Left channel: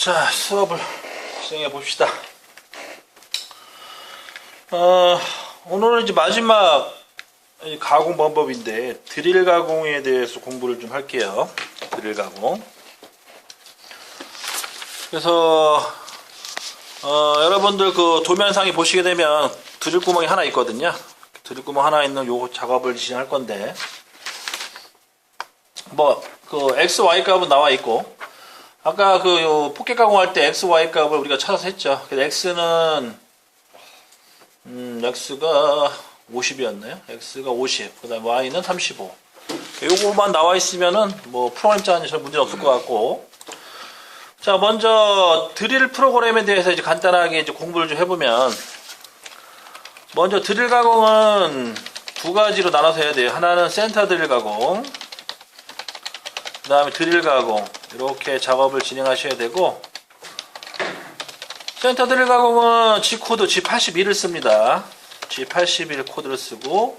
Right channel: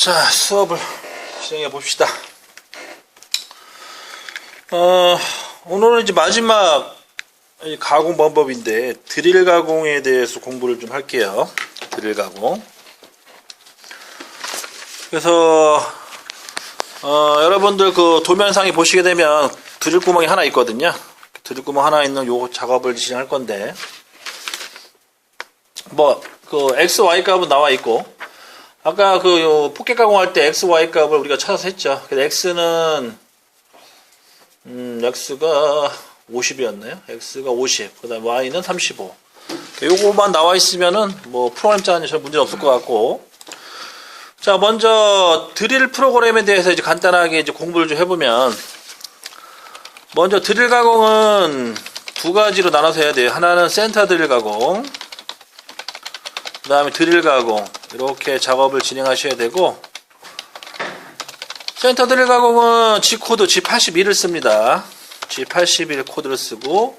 자, 수업을 시작해 봅시다. 오늘은 이제 마지막 가공 방법인데 드릴 가공에 대해서 공부를 좀 할게요. 드릴 가공. 그래서 여러분들 그 도면상에 보시게 되면 드릴 구멍이 하나 있거든요. 드릴 구멍 하나 있는 요 작업을 진행할 건데 뭐 그 x, y 값은 나와 있고 아까 그 포켓 가공할 때 x, y 값을 우리가 찾아서 했죠. 그래서 x는 x가 50이었나요? x가 50. 그다음 y는 35. 요거만 나와 있으면은 뭐 프로그램 잘 문제는 없을 것 같고. 자, 먼저 드릴 프로그램에 대해서 이제 간단하게 이제 공부를 좀 해보면 먼저 드릴 가공은 두 가지로 나눠서 해야 돼요. 하나는 센터 드릴 가공. 그 다음에 드릴 가공 이렇게 작업을 진행하셔야 되고 센터 드릴 가공은 G코드 G81을 씁니다. G81 코드를 쓰고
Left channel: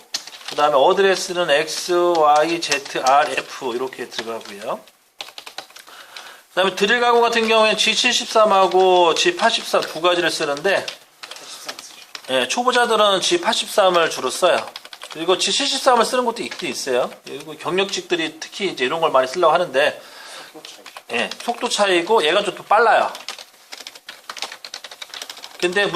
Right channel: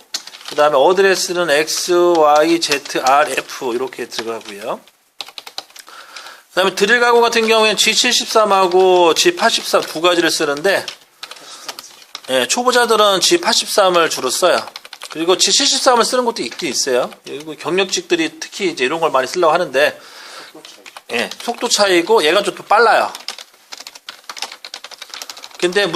그 다음에 어드레스는 X, Y, Z, R, F 이렇게 들어가고요. 그 다음에 드릴 가공 같은 경우에는 G73하고 G83 두 가지를 쓰는데 예, 초보자들은 G83을 주로 써요. 그리고 G73을 쓰는 것도 있긴 있어요. 그리고 경력직들이 특히 이제 이런 걸 많이 쓰려고 하는데, 예, 속도 차이고 얘가 좀 더 빨라요. 근데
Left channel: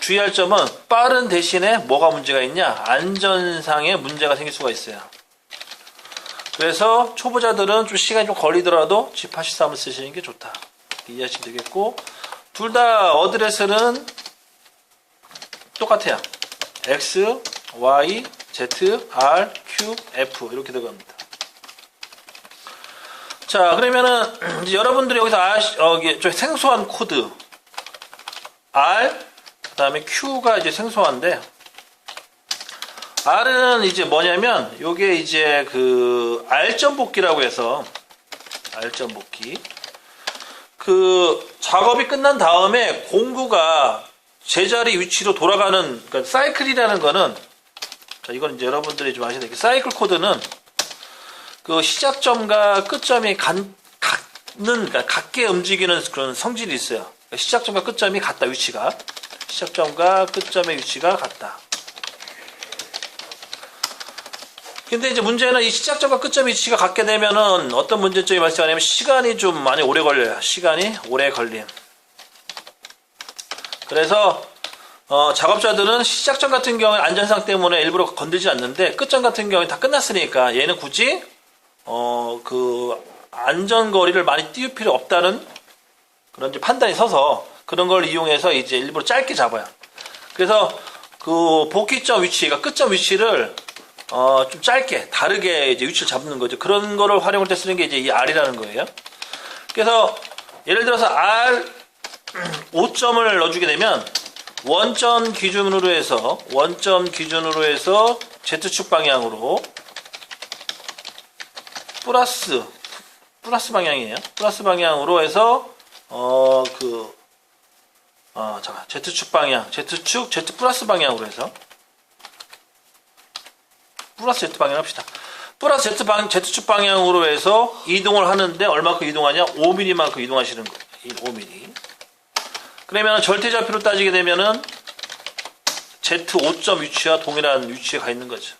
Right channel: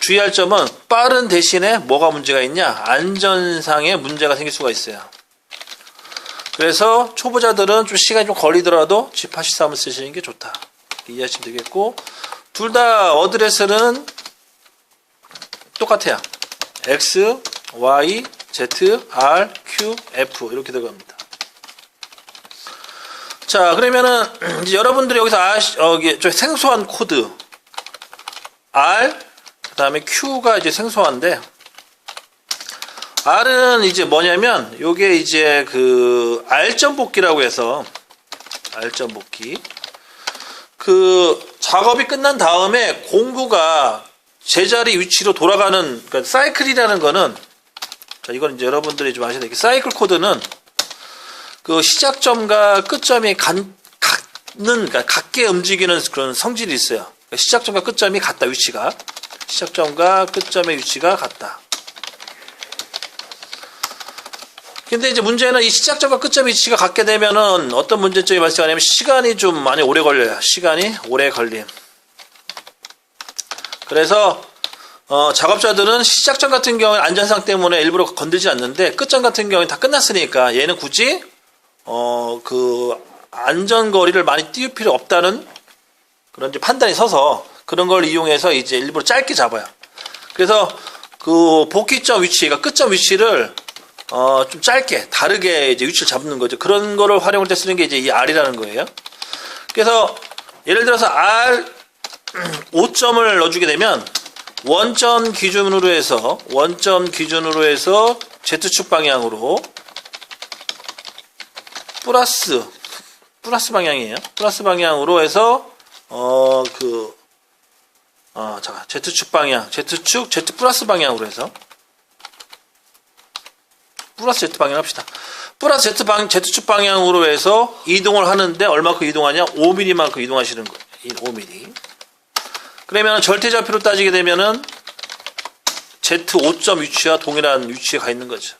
주의할 점은 빠른 대신에 뭐가 문제가 있냐? 안전상의 문제가 생길 수가 있어요. 그래서 초보자들은 좀 시간이 좀 걸리더라도 G83을 쓰시는 게 좋다. 이해하시면 되겠고, 둘 다 어드레스는 똑같아요. X, Y, Z, R, Q, F 이렇게 들어갑니다. 자, 그러면은 이제 여러분들이 여기서 좀 생소한 코드 R, 그 다음에 Q가 이제 생소한데 R은 이제 뭐냐면 요게 이제 그 R점 복기라고 해서 R점 복기 그 작업이 끝난 다음에 공구가 제자리 위치로 돌아가는 그러니까 사이클이라는 거는 자 이건 이제 여러분들이 좀 아셔야 돼요. 사이클 코드는 그 시작점과 끝점이 그러니까 같게 움직이는 그런 성질이 있어요. 그러니까 시작점과 끝점이 같다 위치가 시작점과 끝점의 위치가 같다. 근데 이제 문제는 이 시작점과 끝점 위치가 같게 되면은 어떤 문제점이 발생하냐면 시간이 좀 많이 오래 걸려요. 시간이 오래 걸림. 그래서 작업자들은 시작점 같은 경우에 안전상 때문에 일부러 건들지 않는데 끝점 같은 경우에 다 끝났으니까 얘는 굳이 그 안전거리를 많이 띄울 필요 없다는 그런 이제 판단이 서서 그런 걸 이용해서 이제 일부러 짧게 잡아요. 그래서 그 복귀점 위치, 그러니까 끝점 위치를 좀 짧게 다르게 이제 위치를 잡는 거죠. 그런 거를 활용할 때 쓰는 게 이제 이 R이라는 거예요. 그래서 예를 들어서 R 5점을 넣어주게 되면 원점 기준으로 해서 Z축 방향으로 플러스 방향이에요. 플러스 방향으로 해서 잠깐 Z축 방향 Z축 Z 플러스 방향으로 해서 플러스 Z 방향 합시다. 플러스 Z축 방향으로 해서 이동을 하는데 얼마큼 이동하냐? 5mm만큼 이동하시는 거예요. 5mm. 그러면 절대좌표로 따지게 되면은 Z5점 위치와 동일한 위치에 가 있는 거죠.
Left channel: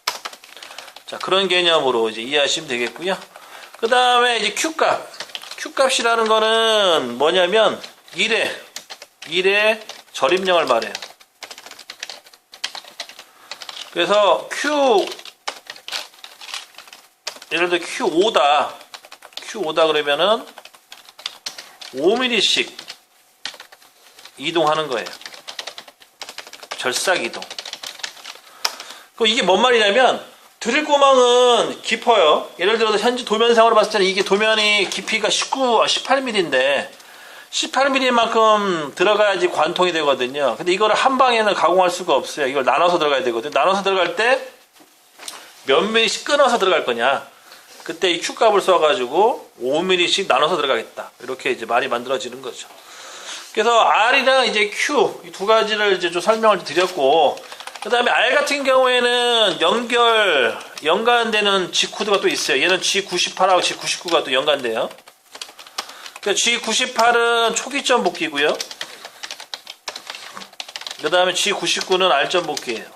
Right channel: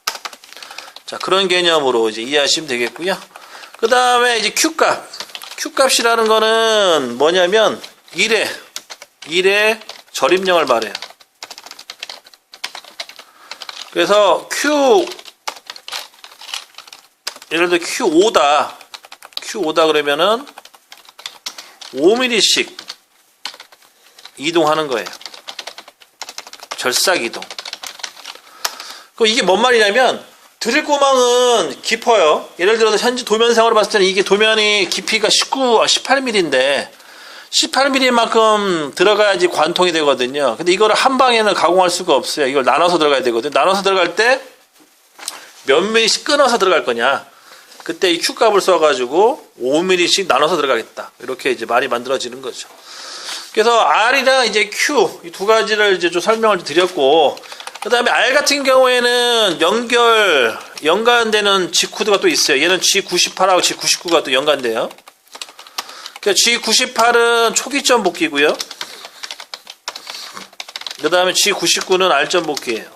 자, 그런 개념으로 이제 이해하시면 되겠고요. 그 다음에 이제 Q값이라는 거는 뭐냐면 1의 절입량을 말해요. 그래서 예를 들어 Q5다 그러면은 5mm씩 이동하는 거예요. 절삭 이동. 이게 뭔 말이냐면 드릴 구멍은 깊어요. 예를 들어서 현재 도면상으로 봤을 때는 이게 도면이 깊이가 18mm인데 18mm만큼 들어가야지 관통이 되거든요. 근데 이거를 한 방에는 가공할 수가 없어요. 이걸 나눠서 들어가야 되거든요. 나눠서 들어갈 때 몇 mm씩 끊어서 들어갈 거냐. 그때 이 Q값을 써가지고 5mm씩 나눠서 들어가겠다. 이렇게 이제 말이 만들어지는 거죠. 그래서 R이랑 이제 Q 이 두 가지를 이제 좀 설명을 드렸고, 그 다음에 R 같은 경우에는 연관되는 G 코드가 또 있어요. 얘는 G98하고 G99가 또 연관돼요. G98은 초기점 복귀고요. 그 다음에 G99는 R점 복귀예요.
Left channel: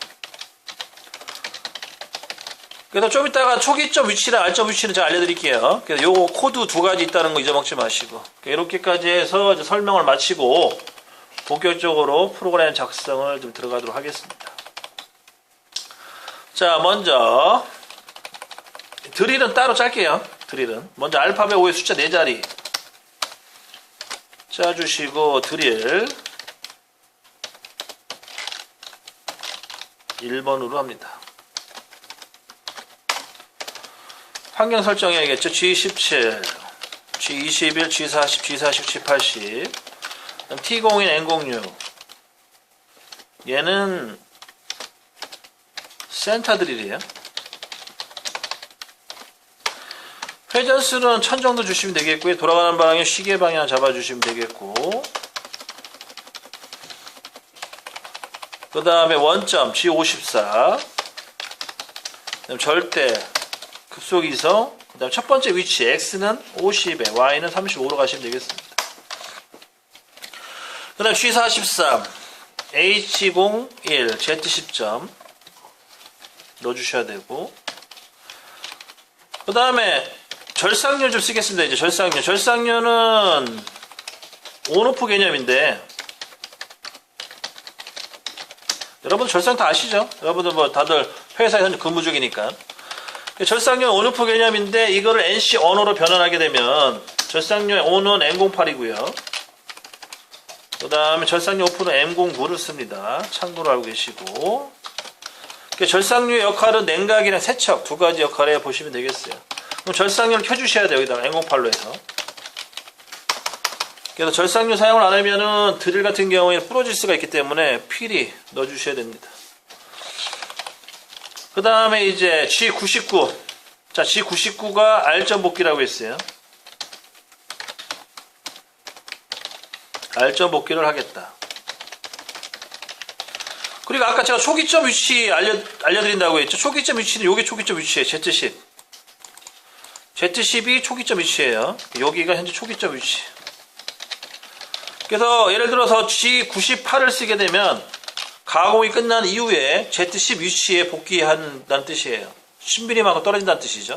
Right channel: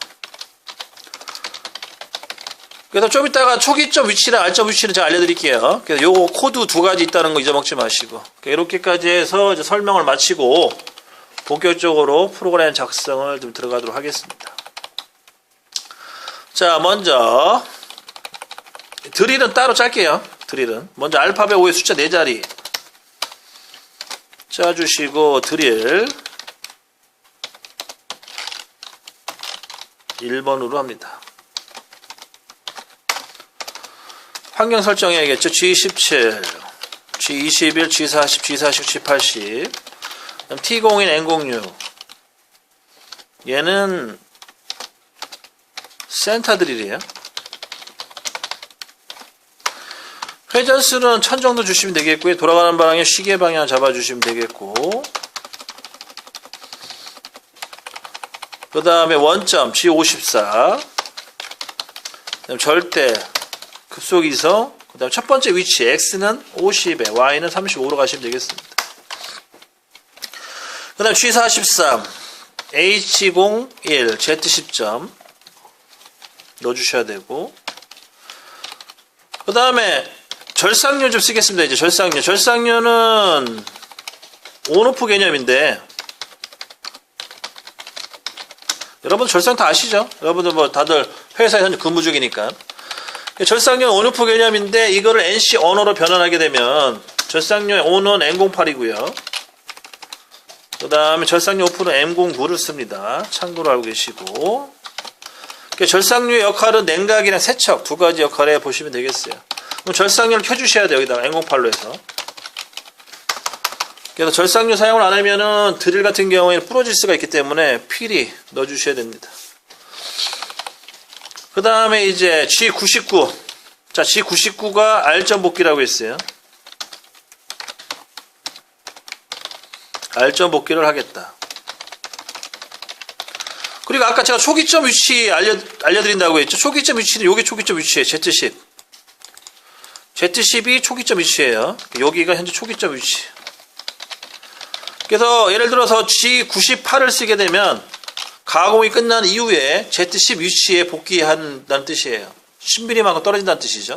그래서 좀 이따가 초기점 위치랑 R점 위치는 제가 알려드릴게요. 그래서 요거 코드 두 가지 있다는 거 잊어먹지 마시고. 이렇게까지 해서 이제 설명을 마치고 본격적으로 프로그램 작성을 좀 들어가도록 하겠습니다. 자, 먼저 드릴은 따로 짤게요. 드릴은 먼저 알파벳 5의 숫자 4자리 짜주시고 드릴 1번으로 합니다. 환경 설정해야겠죠. G17, G21, G40, G49, G80 T01, N06 얘는 센터 드릴이에요. 회전수는 1000 정도 주시면 되겠고요. 돌아가는 방향 시계 방향 잡아주시면 되겠고, 그 다음에 원점 G54, 그다음 절대 급속 이성, 그 다음 첫 번째 위치 X는 50에 Y는 35로 가시면 되겠습니다. 그 다음 G43 H01 Z10점 넣어주셔야 되고, 그 다음에 절상료 좀 쓰겠습니다. 이제 절상료는 온오프 개념인데, 여러분 절상 다 아시죠? 여러분들 뭐 다들 회사에 현재 근무 중이니까. 절상료는 온오프 개념인데 이거를 NC 언어로 변환하게 되면 절상료의 온은 N08이고요. 그 다음에 절상료 오프는 M09를 씁니다. 참고로 알고 계시고, 절상료의 역할은 냉각이나 세척 두 가지 역할에 보시면 되겠어요. 그럼 절상료를 켜주셔야 돼요. 여기다가 N08로 해서. 그래서 절상료 사용을 안 하면은 드릴 같은 경우에는 부러질 수가 있기 때문에 필히 넣어주셔야 됩니다. 그 다음에 이제 G99. 자, G99가 R점 복귀라고 했어요. R점 복귀를 하겠다. 그리고 아까 제가 초기점 위치 알려드린다고 했죠. 초기점 위치는 요게 초기점 위치예요. Z10. Z10이 초기점 위치예요. 여기가 현재 초기점 위치. 그래서 예를 들어서 G98을 쓰게 되면 가공이 끝난 이후에 Z10 위치에 복귀한다는 뜻이에요. 10mm만큼 떨어진다는 뜻이죠.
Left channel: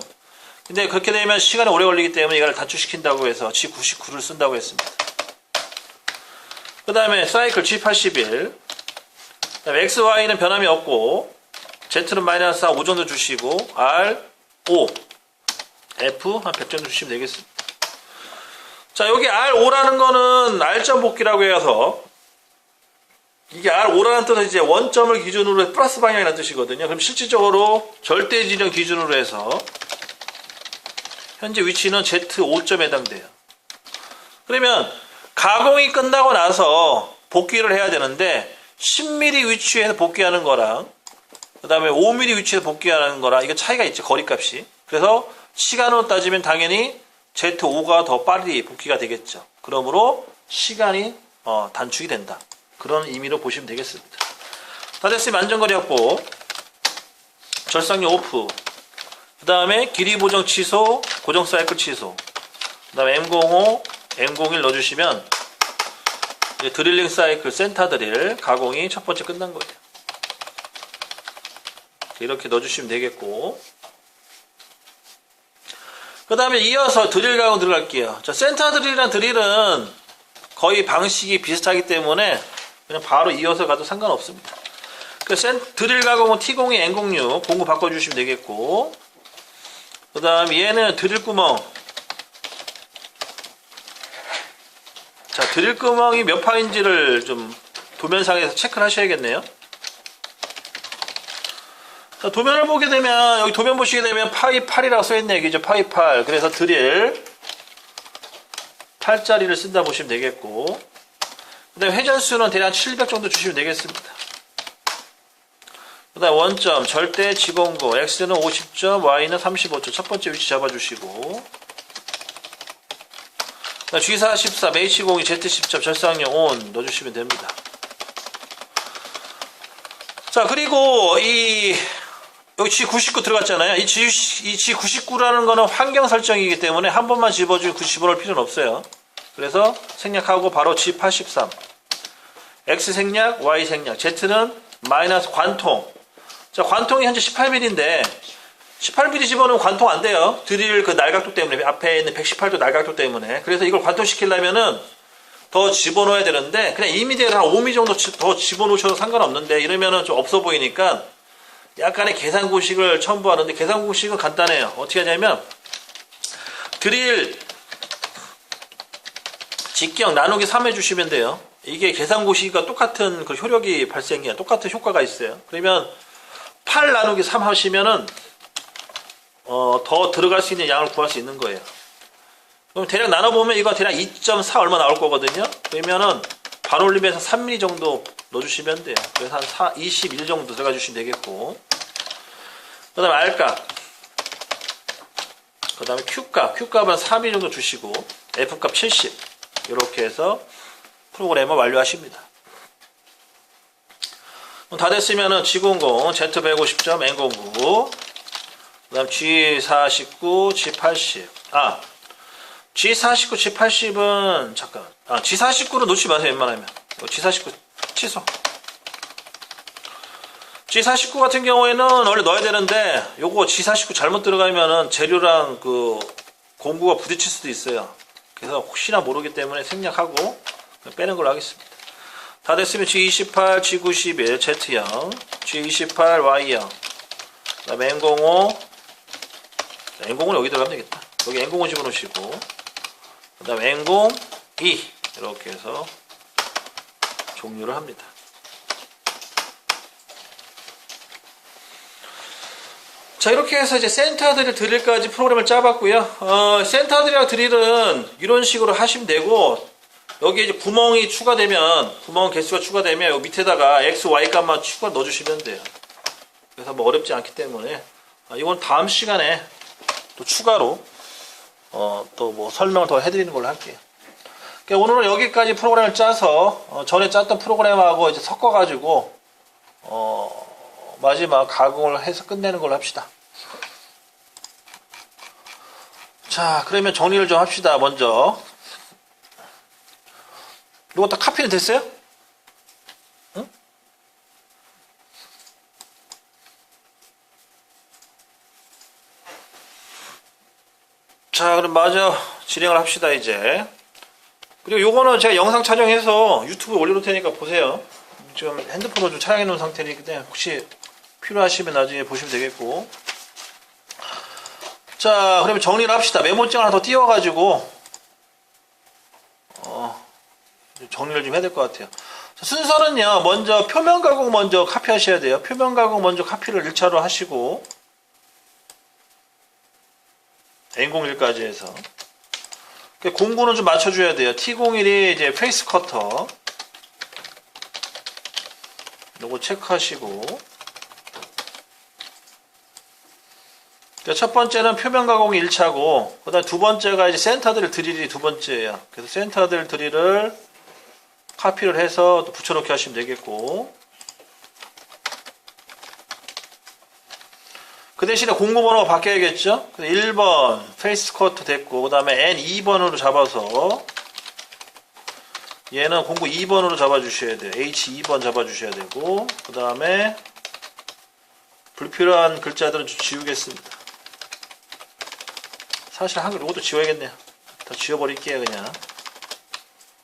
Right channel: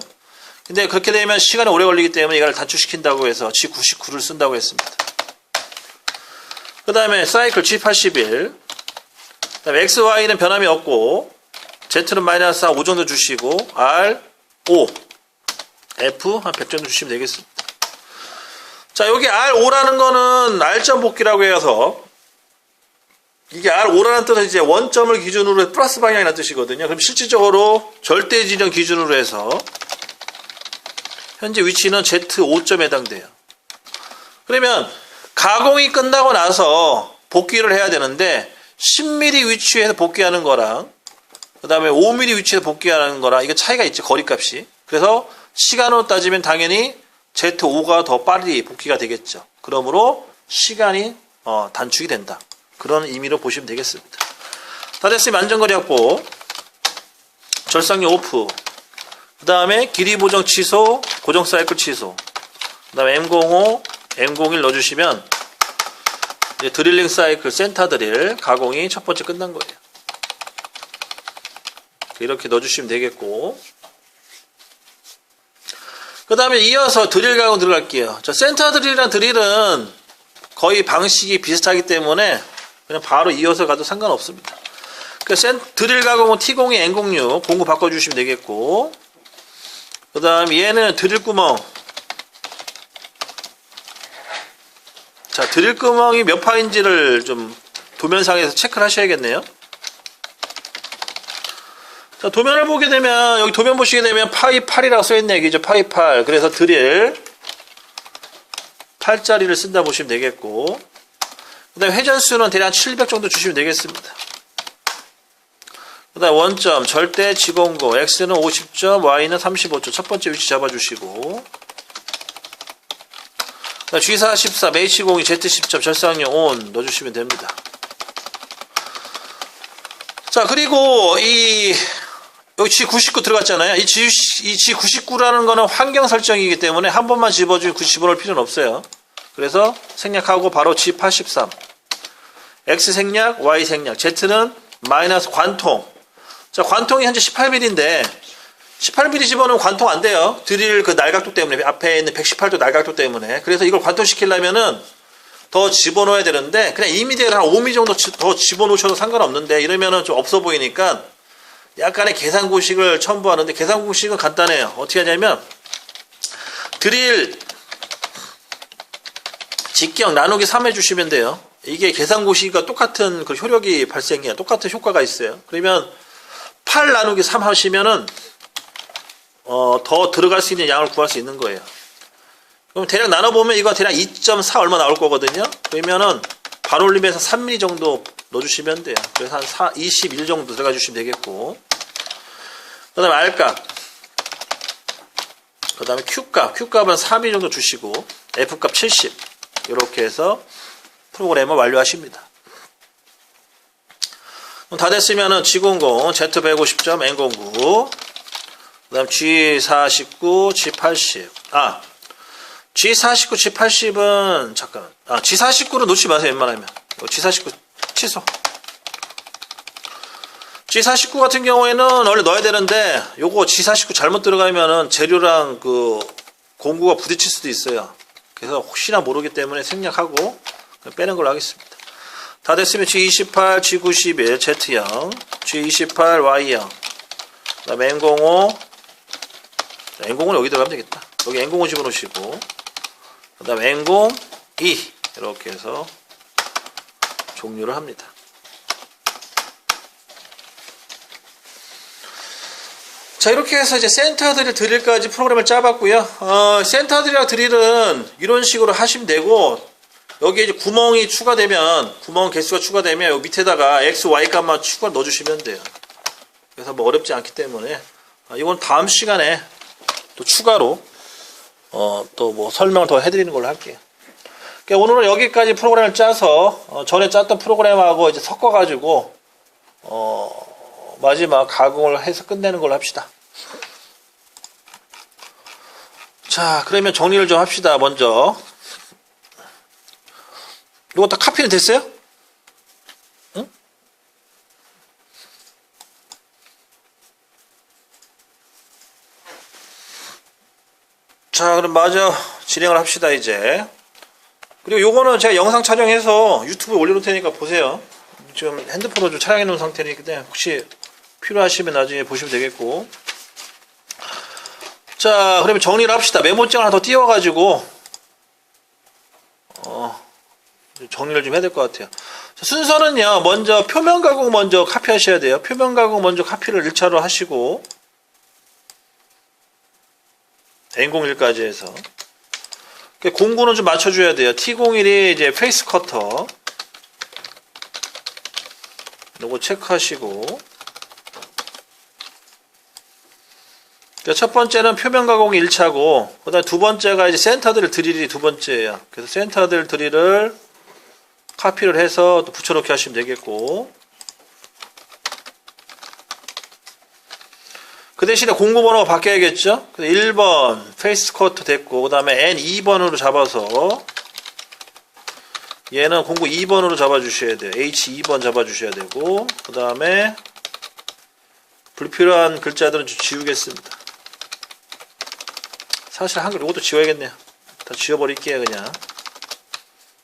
근데 그렇게 되면 시간이 오래 걸리기 때문에 이걸 단축시킨다고 해서 G99를 쓴다고 했습니다. 그 다음에 사이클 G81, 그 다음에 XY는 변함이 없고, Z는 마이너스 5 정도 주시고, R, 5, F 한 100 정도 주시면 되겠습니다. 자, 여기 R5라는 거는 R점 복귀라고 해서, 이게 R5라는 뜻은 이제 원점을 기준으로 해서 플러스 방향이라는 뜻이거든요. 그럼 실질적으로 절대 지점 기준으로 해서, 현재 위치는 Z5점에 해당돼요. 그러면, 가공이 끝나고 나서 복귀를 해야 되는데 10mm 위치에서 복귀하는 거랑 그 다음에 5mm 위치에서 복귀하는 거랑 이거 차이가 있죠. 거리값이. 그래서 시간으로 따지면 당연히 Z5가 더 빨리 복귀가 되겠죠. 그러므로 시간이 단축이 된다. 그런 의미로 보시면 되겠습니다. 다 됐으면 안전거리 확보, 절상료 오프, 그 다음에 길이 보정 취소, 고정 사이클 취소, 그 다음에 M05 M01 넣어주시면 이제 드릴링 사이클 센터 드릴 가공이 첫 번째 끝난 거예요. 이렇게 넣어주시면 되겠고, 그 다음에 이어서 드릴 가공 들어갈게요. 자, 센터 드릴이랑 드릴은 거의 방식이 비슷하기 때문에 그냥 바로 이어서 가도 상관없습니다. 드릴 가공은 T02 N06 공구 바꿔주시면 되겠고, 그 다음에 얘는 드릴 구멍. 자, 드릴 구멍이 몇 파인지를 좀 도면상에서 체크를 하셔야겠네요. 자, 도면을 보게 되면, 여기 도면 보시게 되면 파이 8이라고 써있네, 얘기죠. 파이 8. 그래서 드릴 8짜리를 쓴다 보시면 되겠고, 그 다음에 회전수는 대략 700 정도 주시면 되겠습니다. 그 다음 원점, 절대 지공고, X는 50점, Y는 35점. 첫 번째 위치 잡아주시고, G44, H02, Z10점, 절상료 ON 넣어주시면 됩니다. 자, 그리고 여기 G99 들어갔잖아요. 이 G99라는 거는 환경 설정이기 때문에 한 번만 집어넣을 필요는 없어요. 그래서 생략하고 바로 G83. X 생략, Y 생략. Z는 마이너스 관통. 자, 관통이 현재 18mm인데 18mm 집어넣으면 관통 안 돼요. 드릴 그 날각도 때문에, 앞에 있는 118도 날각도 때문에. 그래서 이걸 관통시키려면은 더 집어넣어야 되는데 그냥 2mm를 한 5mm 정도 더 집어넣으셔도 상관없는데 이러면은 좀 없어 보이니까 약간의 계산 공식을 첨부하는데 계산 공식은 간단해요. 어떻게 하냐면 드릴 직경 나누기 3 해주시면 돼요. 이게 계산 공식과 똑같은 그 효력이 발생해요. 똑같은 효과가 있어요. 그러면 8 나누기 3 하시면은 더 들어갈 수 있는 양을 구할 수 있는 거예요. 그럼 대략 나눠보면 이거 대략 2.4 얼마 나올 거거든요. 그러면은 반올림에서 3mm 정도 넣어주시면 돼요. 그래서 한 21 정도 들어가 주시면 되겠고, 그 다음에 R값, 그 다음에 Q값은 3mm 정도 주시고, F값 70 이렇게 해서 프로그램을 완료하십니다. 다 됐으면은 G00, Z150점, N09, 그 다음 G49, G80. G49, G80은, 잠깐. G49는 놓지 마세요, 웬만하면. G49 취소. G49 같은 경우에는 원래 넣어야 되는데, 요거 G49 잘못 들어가면은 재료랑 그 공구가 부딪힐 수도 있어요. 그래서 혹시나 모르기 때문에 생략하고 빼는 걸로 하겠습니다. 다 됐으면 G28, G91, Z형, G28, Y형, 그 다음에 N05, N05는 여기 들어가면 되겠다. 여기 N05 집어넣으시고, 그 다음에 N02, 이렇게 해서 종료를 합니다. 자, 이렇게 해서 이제 센터 드릴 드릴까지 프로그램을 짜봤고요. 센터 드릴이랑 드릴은 이런 식으로 하시면 되고, 여기에 이제 구멍이 추가되면, 구멍 개수가 추가되면 여기 밑에다가 X, Y 값만 추가 넣어주시면 돼요. 그래서 뭐 어렵지 않기 때문에, 이건 다음 시간에 또 추가로, 또 뭐 설명을 더 해드리는 걸로 할게요. 그러니까 오늘은 여기까지 프로그램을 짜서, 전에 짰던 프로그램하고 이제 섞어가지고, 마지막 가공을 해서 끝내는 걸로 합시다. 자, 그러면 정리를 좀 합시다. 먼저 이거 다 카피는 됐어요? 응? 자, 그럼 마저 진행을 합시다 이제. 그리고 요거는 제가 영상 촬영해서 유튜브에 올려놓을 테니까 보세요. 지금 핸드폰으로 좀 촬영해 놓은 상태니까 혹시 필요하시면 나중에 보시면 되겠고. 자, 그러면 정리를 합시다. 메모장 하나 더 띄워가지고 정리를 좀 해야 될 것 같아요. 자, 순서는요, 먼저 표면 가공 먼저 카피하셔야 돼요. 표면 가공 먼저 카피를 1차로 하시고 N01까지 해서 공구는 좀 맞춰줘야 돼요. T01이 이제 페이스 커터 요거 체크하시고, 첫 번째는 표면 가공이 1차고, 그 다음 두 번째가 이제 센터들 드릴이 두 번째예요. 그래서 센터들 드릴을 카피를 해서 또 붙여넣기 하시면 되겠고, 그 대신에 공구 번호가 바뀌어야겠죠? 1번 페이스 커트 됐고, 그 다음에 N2번으로 잡아서 얘는 공구 2번으로 잡아주셔야 돼요. H2번 잡아주셔야 되고, 그 다음에 불필요한 글자들은 좀 지우겠습니다. 사실 한글 이것도 지워야겠네요. 다 지워버릴게요. 그냥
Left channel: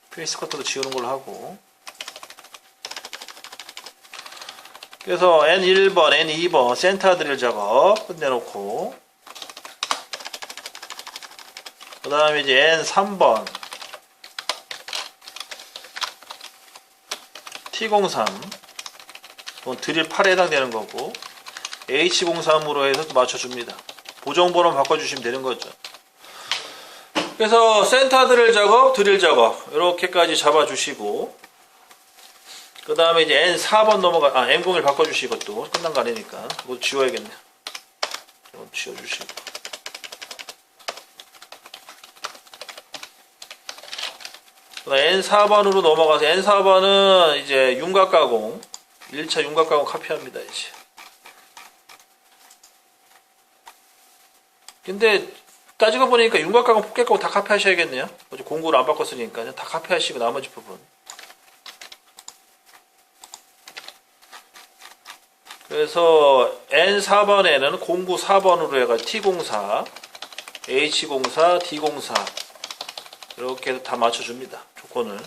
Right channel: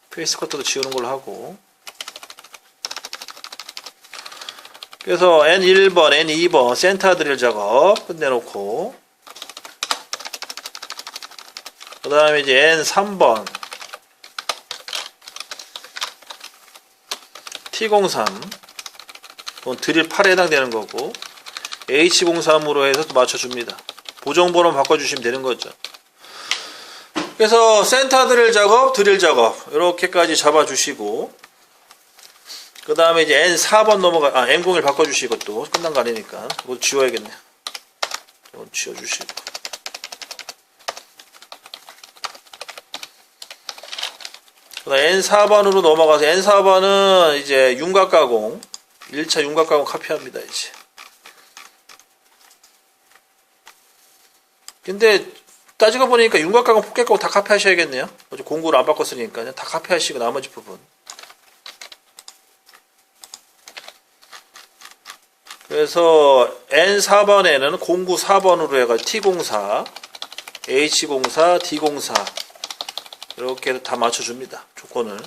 페이스 커트도 지우는 걸로 하고, 그래서 N1번, N2번 센터 드릴 작업 끝내놓고, 그 다음에 이제 N3번 T03 그건 드릴 8에 해당되는 거고, H03으로 해서 또 맞춰줍니다. 보정번호 바꿔주시면 되는 거죠. 그래서 센터 드릴 작업, 드릴 작업 이렇게까지 잡아주시고, 그 다음에 이제 N4번 N01 바꿔주시고, 또 끝난 거 아니니까 이거 지워야겠네요. 이거 지워주시고, 그 다음 N4번으로 넘어가서 N4번은 이제 윤곽 가공 1차 윤곽 가공 카피합니다. 이제 근데 따지고 보니까 윤곽가공, 폭격가공 다 카피하셔야겠네요. 어제 공구를 안 바꿨으니까 다 카피하시고 나머지 부분. 그래서 N4번에는 공구 4번으로 해가지고 T04, H04, D04 이렇게 다 맞춰줍니다. 조건을.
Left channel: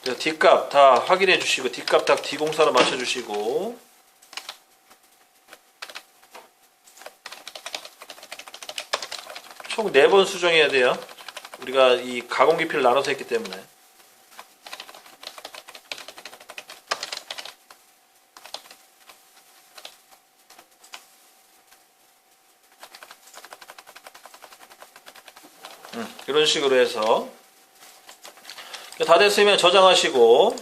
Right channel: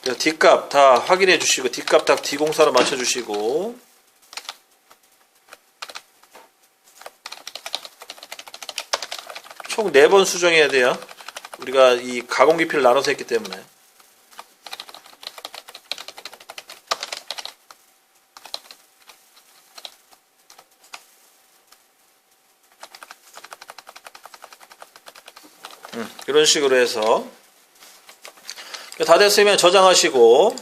그래서 D값 다 확인해 주시고 D값 다 D04로 맞춰 주시고 총 4번 수정해야 돼요. 우리가 이 가공 깊이를 나눠서 했기 때문에. 이런 식으로 해서 다 됐으면 저장하시고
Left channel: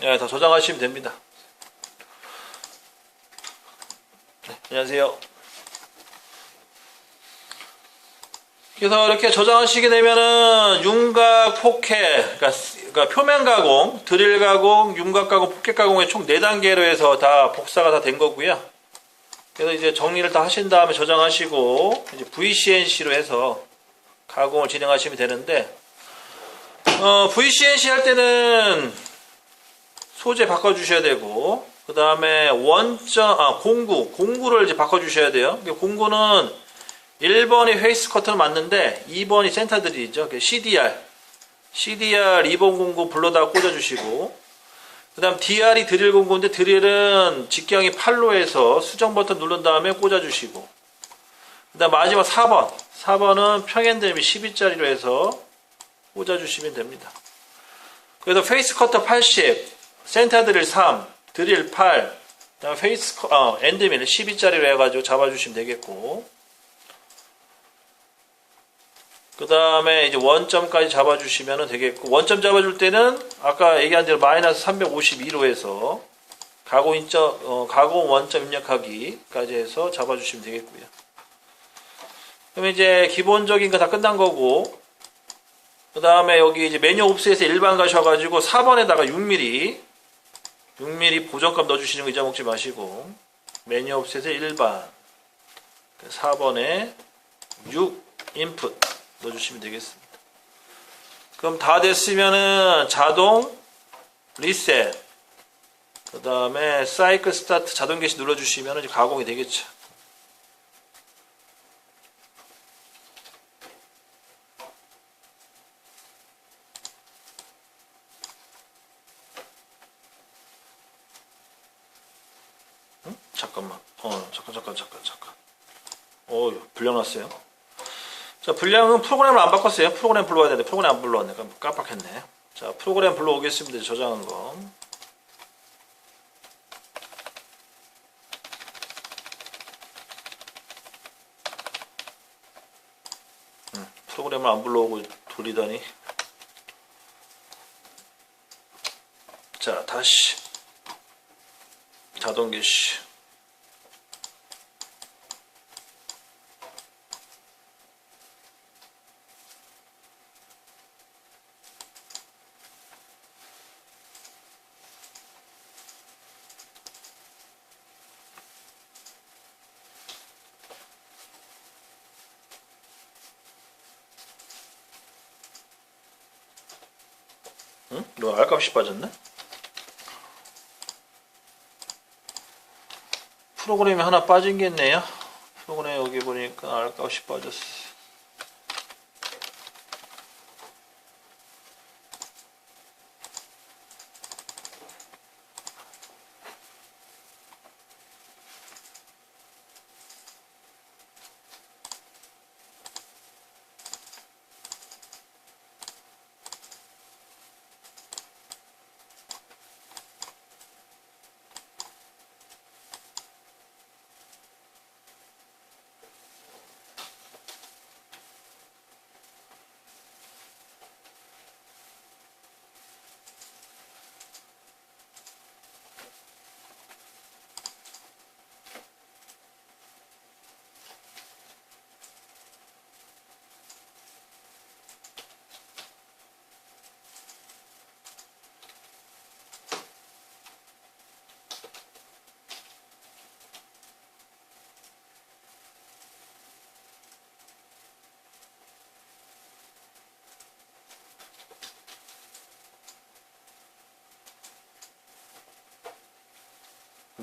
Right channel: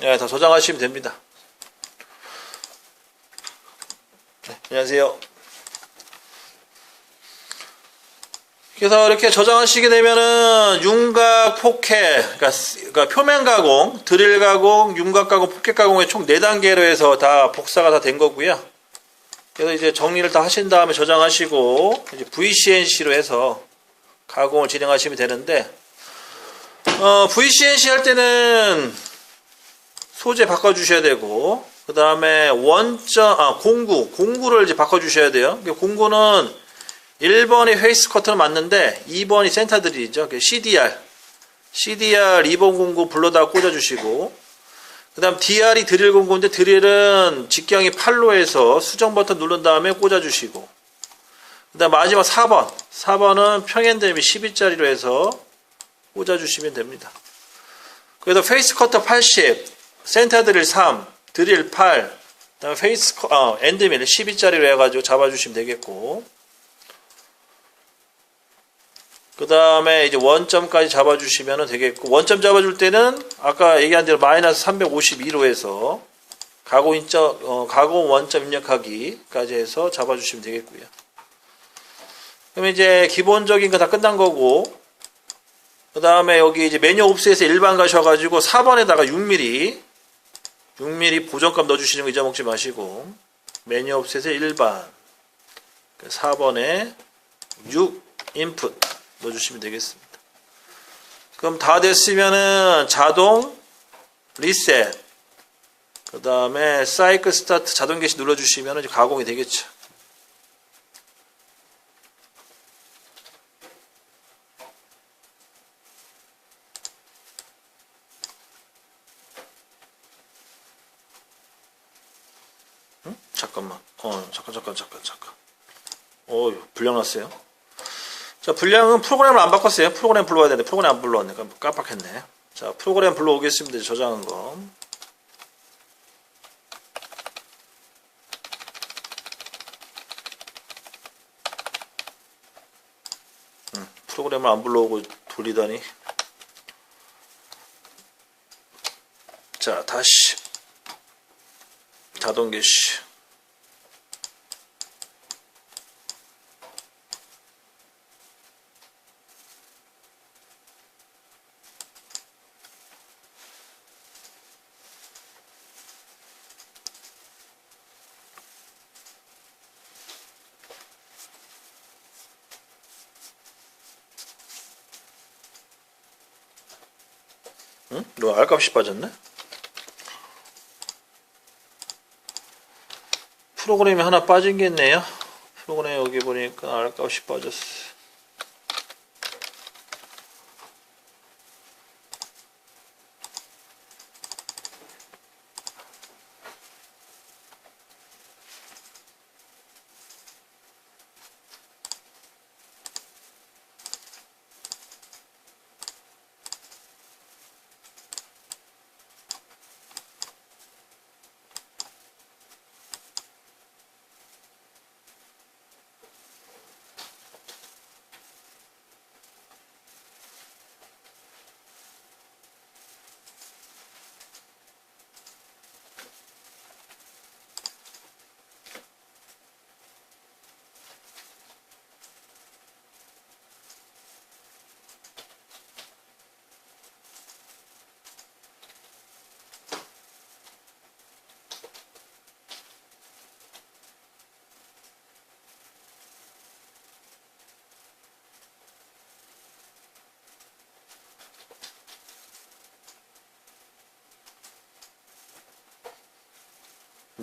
네, 다 저장하시면 됩니다. 네, 안녕하세요. 그래서 이렇게 저장하시게 되면은 윤곽, 폭해, 그러니까 표면 가공, 드릴 가공, 윤곽 가공, 폭해 가공의 총 4단계로 해서 다 복사가 다 된 거고요. 그래서 이제 정리를 다 하신 다음에 저장하시고 이제 VCNC로 해서 가공을 진행하시면 되는데 VCNC 할 때는 소재 바꿔주셔야 되고 그 다음에 공구를 이제 바꿔주셔야 돼요. 공구는 1번이 페이스 커트는 맞는데 2번이 센터 드릴이죠. CDR 2번 공구 불러다가 꽂아주시고 그 다음 DR이 드릴 공구인데 드릴은 직경이 8로 해서 수정 버튼 누른 다음에 꽂아주시고 그 다음 마지막 4번은 평행대비 12짜리로 해서 꽂아주시면 됩니다. 그래서 페이스 커터 80, 센터 드릴 3, 드릴 8, 그 다음 엔드밀 12짜리로 해가지고 잡아주시면 되겠고 그 다음에 이제 원점까지 잡아주시면 되겠고 원점 잡아줄 때는 아까 얘기한 대로 마이너스 352로 해서 가공 원점 입력하기까지 해서 잡아주시면 되겠고요. 그럼 이제 기본적인 거 다 끝난 거고 그 다음에 여기 이제 메뉴 옵스에서 일반 가셔가지고 4번에다가 6mm 보정값 넣어주시는 거 잊어먹지 마시고 메뉴 옵스에서 일반 4번에 6 인풋 넣어주시면 되겠습니다. 그럼 다 됐으면은 자동 리셋 그 다음에 사이클 스타트 자동 개시 눌러주시면 이제 가공이 되겠죠. 응? 잠깐만. 잠깐. 불량 났어요. 자, 분량은 프로그램을 안 바꿨어요. 프로그램 불러야 되는데 프로그램 안 불러왔네. 깜빡했네. 자, 프로그램 불러오겠습니다. 저장한 거. 프로그램을 안 불러오고 돌리다니. 자, 다시 자동 개시. 응? 너 알값이 빠졌네? 프로그램이 하나 빠진 게 있네요. 프로그램 여기 보니까 알값이 빠졌어.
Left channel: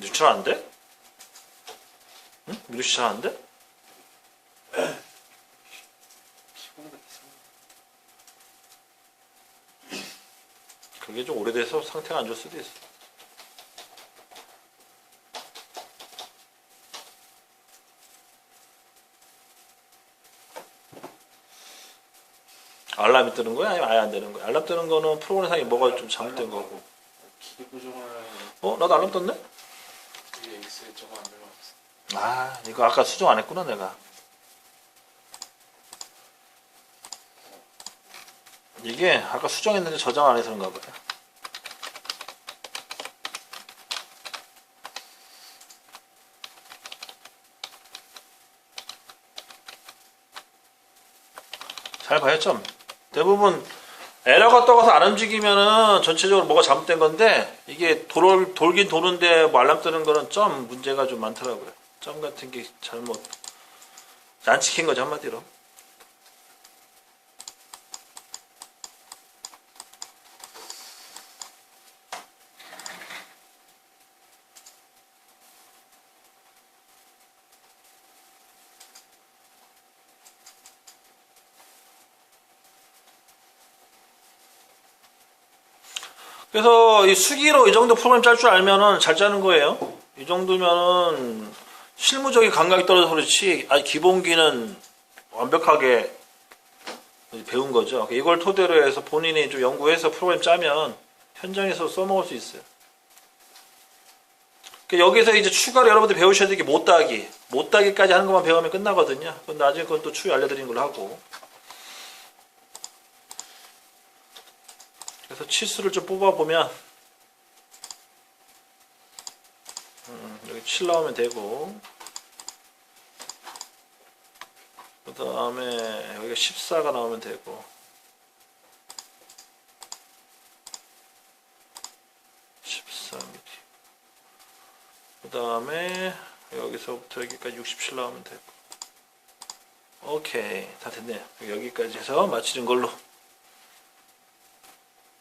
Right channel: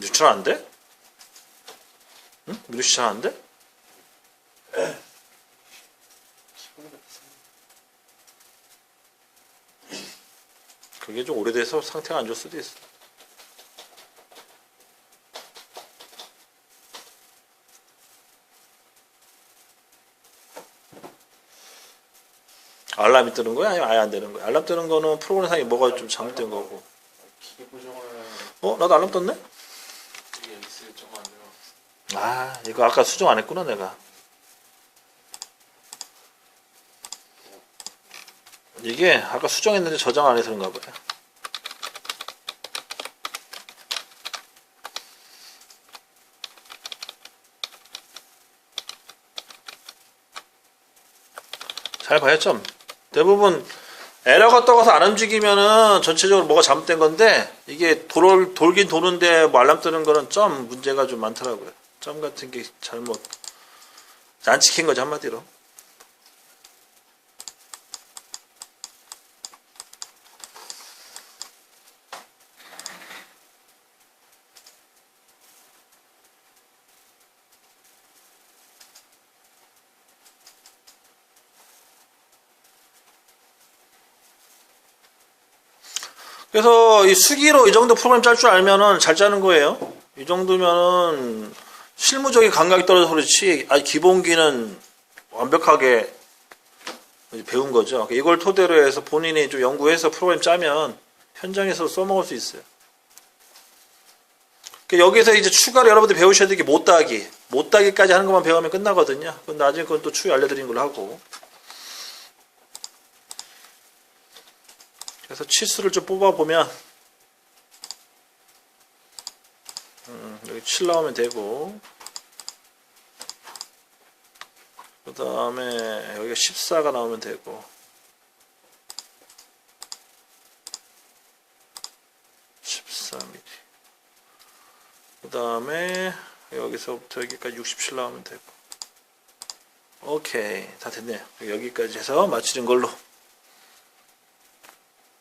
유출 안 돼? 응? 미리 추천 안 돼? 그게 좀 오래돼서 상태가 안 좋을 수도 있어. 알람이 뜨는 거야? 아니면 아예 안 되는 거야? 알람 뜨는 거는 프로그램상에 뭐가 좀 잘못된 거고. 기계 보정을 나도 알람 떴네? 이게 있을 조금 안 들어갔어. 아, 이거 아까 수정 안 했구나, 내가. 이게 아까 수정했는데 저장 안 해서 그런가 보다. 잘 봐요, 좀. 대부분 에러가 떠가서 안 움직이면은 전체적으로 뭐가 잘못된 건데 이게 돌긴 도는데 뭐 알람 뜨는 거는 점 문제가 좀 많더라고요. 점 같은 게 잘못 안 지킨 거죠, 한마디로. 그래서 이 수기로 이 정도 프로그램 짤 줄 알면은 잘 짜는 거예요. 이 정도면은 실무적인 감각이 떨어져서 그렇지, 아니 기본기는 완벽하게 배운 거죠. 이걸 토대로 해서 본인이 좀 연구해서 프로그램 짜면 현장에서 써먹을 수 있어요. 여기서 이제 추가로 여러분들 배우셔야 될 게 못따기. 못따기까지 하는 것만 배우면 끝나거든요. 근데 나중에 그건 또 추후 알려드리는 걸로 하고. 그래서 치수를 좀 뽑아보면, 여기 7 나오면 되고, 그 다음에 여기가 14가 나오면 되고, 14mm. 그 다음에 여기서부터 여기까지 67 나오면 되고. 오케이, 다 됐네요. 여기까지 해서 마치는 걸로.